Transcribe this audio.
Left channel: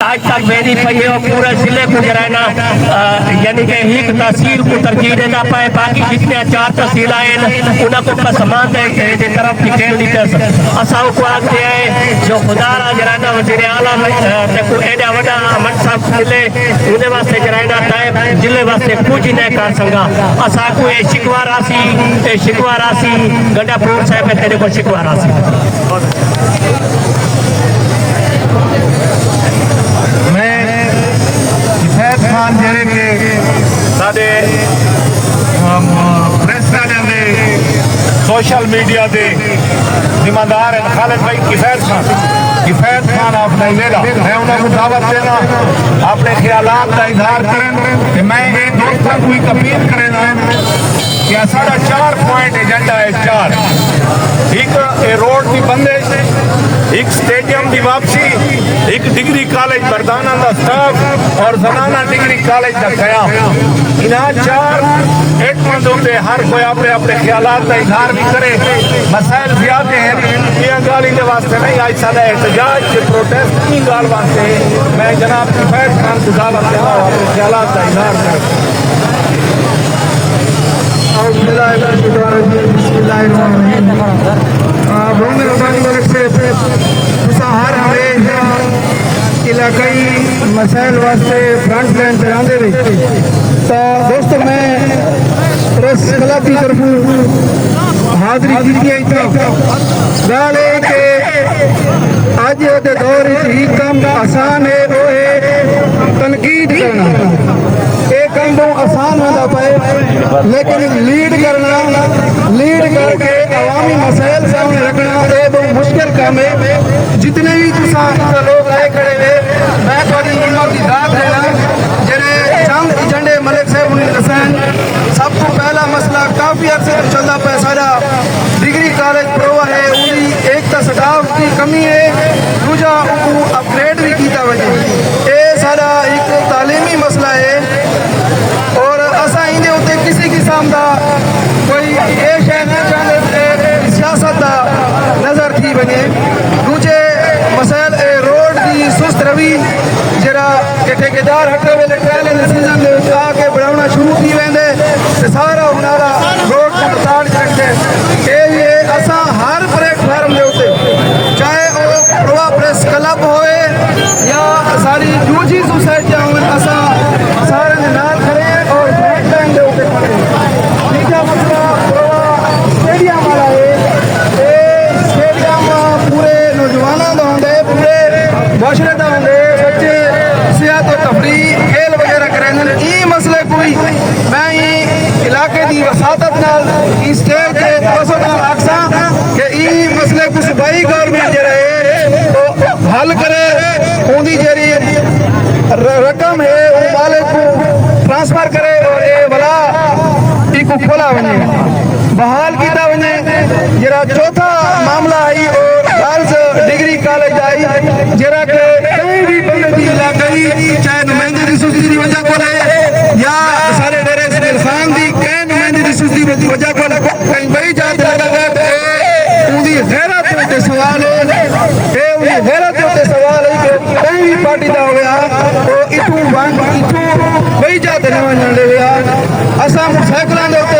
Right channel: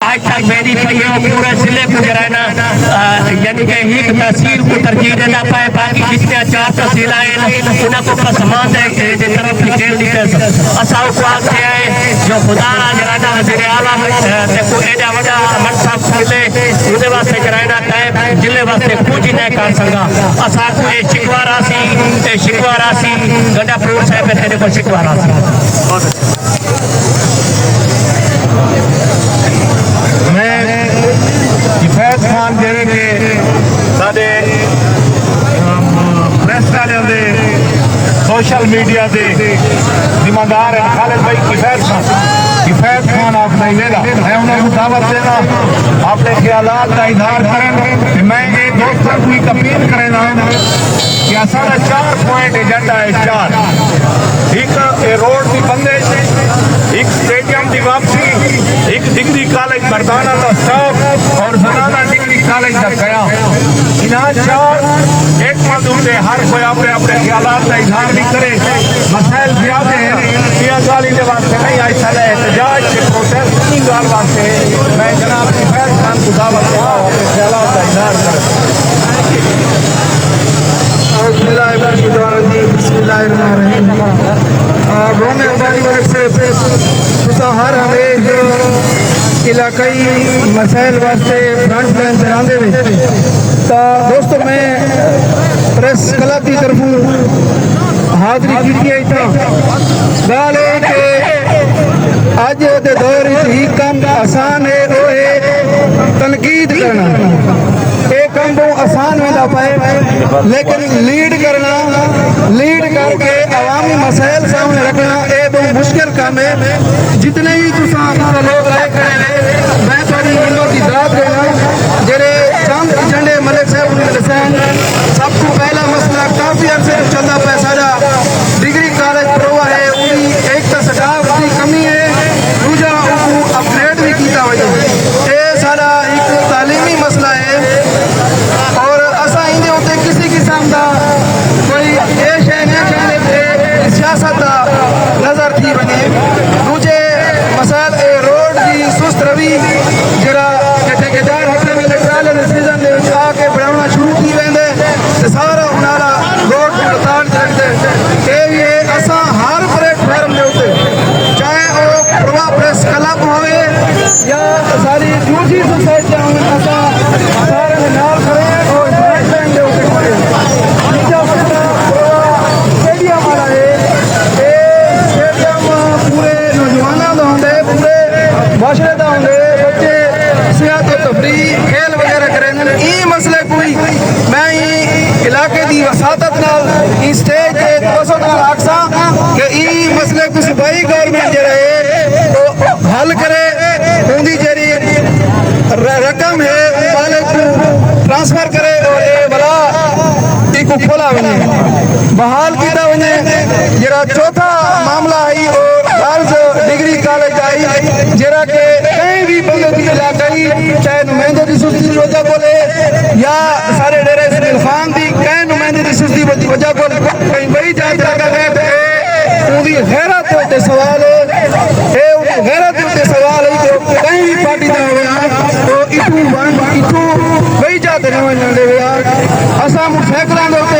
آج تک میری پئی ہے پورے ضلع کو جرائنا یعنی کہ ایک تحصیل کو ترجیح دینا پائے باقی جتنے 4 تحصیل آئے انہوں کو پسمان دے کہ طرف کی کھیل لیٹرز اساؤ کو آگ دیا ہے جو خدا را جرائنا وزیر اعلیٰ کو ایڈا وڈا امن صاحب ملے انہیں واسطے جرائنا ٹائم ضلع واسطے کچھ ہی نہیں کر سکا اساؤ کو شکوہ راسی گنڈا پور صاحب تیرے کو شکوہ راسی خان جڑے کے سارے پریس والوں دے سوشل میڈیا دے ذمہ دار ہیں خالد بھائی کفایت خان آپ نہیں لینا میں انہوں کو دعوت دینا اپنے خیالات کا اظہار کریں کہ میں یہ دوستوں کو ایک اپیل کرنا کہ سارا 4 پوائنٹ ایجنڈا ہے 4 ایک روڈ کی بندش ایک اسٹیڈیم کی واپسی ایک ڈگری کالج مردانہ کا سٹاف اور زنانہ ڈگری کالج کا قیام انہاں 4 ایک مندوں دے ہر کوئی اپنے خیالات کا اظہار نہیں کرے مسائل زیادہ ہیں یہ گالی کے واسطے نہیں ایسا ہے احتجاج کے پروٹیسٹ کی گال واسطے میں جناب کفایت خان کو دعوت دیتا ہوں اپنے خیالات کا اظہار کریں بسم اللہ الرحمن الرحیم بہت مہربانی کرے ہر انگریز علاقائی مسائل واسطے فرنٹ لائن چلانے ہوئے تو دوستو میں پریس کلب کی طرف حاضری کی گل ہے کہ اج دے دور ہی کام آسان ہے وہ ہے تنقید کرنا یہ کام تو آسان ہوتا پائے لیکن لیڈ کر کے عوامی مسائل سامنے رکھنا یہ بہت مشکل کام ہے جتنے بھی لوگ آئے کھڑے میں پانی قیمت کی داد دینا جڑے چند ایجنڈے ملک صاحب نے حسین سب کو پہلا مسئلہ کافی عرصے سے چلتا پہ سارا ڈگری کالج پروا ہے انہی ایک تو سٹاف کی کمی ہے دوجا کو اپگریڈ بھی کیتا وجہ یہ سارا ایک تعلیمی مسئلہ ہے اور اسا اندے ہوتے کسی قسم کا کوئی یہ شے نہیں چاہتے سیاست کا نظر تھی بنے دوجے مسائل روڈ کی سست روی جرا ٹھیکیدار ہٹے ویلے ٹرائل سیزن میں آ کے بڑھانا شروع کی ویندے سارا انارا روڈ کو بتاڑ کرتے یہ اساں ہر پلیٹ فارم دے ہوتے چاہے بڑا پریس کلب ہوئے یا ساری جوجی سوسائٹی ہوئے اساں سارے نال کھڑے اور ڈائٹ لائن دے ہوتے کھڑے اسٹیڈیم والا ہے یہ اسٹیڈیم پورے نوجوانوں کا ہوندے پورے معاشرے کا ہوندے بچے صحت و تفریح کھیل وغیرہ کریں یہ مسئلے کوئی میں علاقے کی وساطت نال اسٹیج کے توسط نال آکساں کہ یہ مسئلے کو صوبائی گورنمنٹ جڑا ہے تو حل کرے اندی جڑی رقم ہے وہ مالک کو ٹرانسفر کرے اور یہ بلا ایک کھولا ونے بحال کیتا ونے جڑا چوتھا معاملہ آئی اور غرض ڈگری کالج آئی جڑا کہ کہیں بھی بندی علاقائی چاہے نمائندے کی سستی کی وجہ کو لے یا سارے ڈیرے اسماعیل خان دی کہیں نمائندے کی سستی کی وجہ کو کہیں بڑی جان لگا گئے انہی غیرت ہوتے سوال ہو انہی غیرت ہوتے سوال ہے کہ کہیں بھی پارٹی دا ہو گیا تو اتو بڑی جاتے نمائندے ہوئے اساں سیکڑوں دے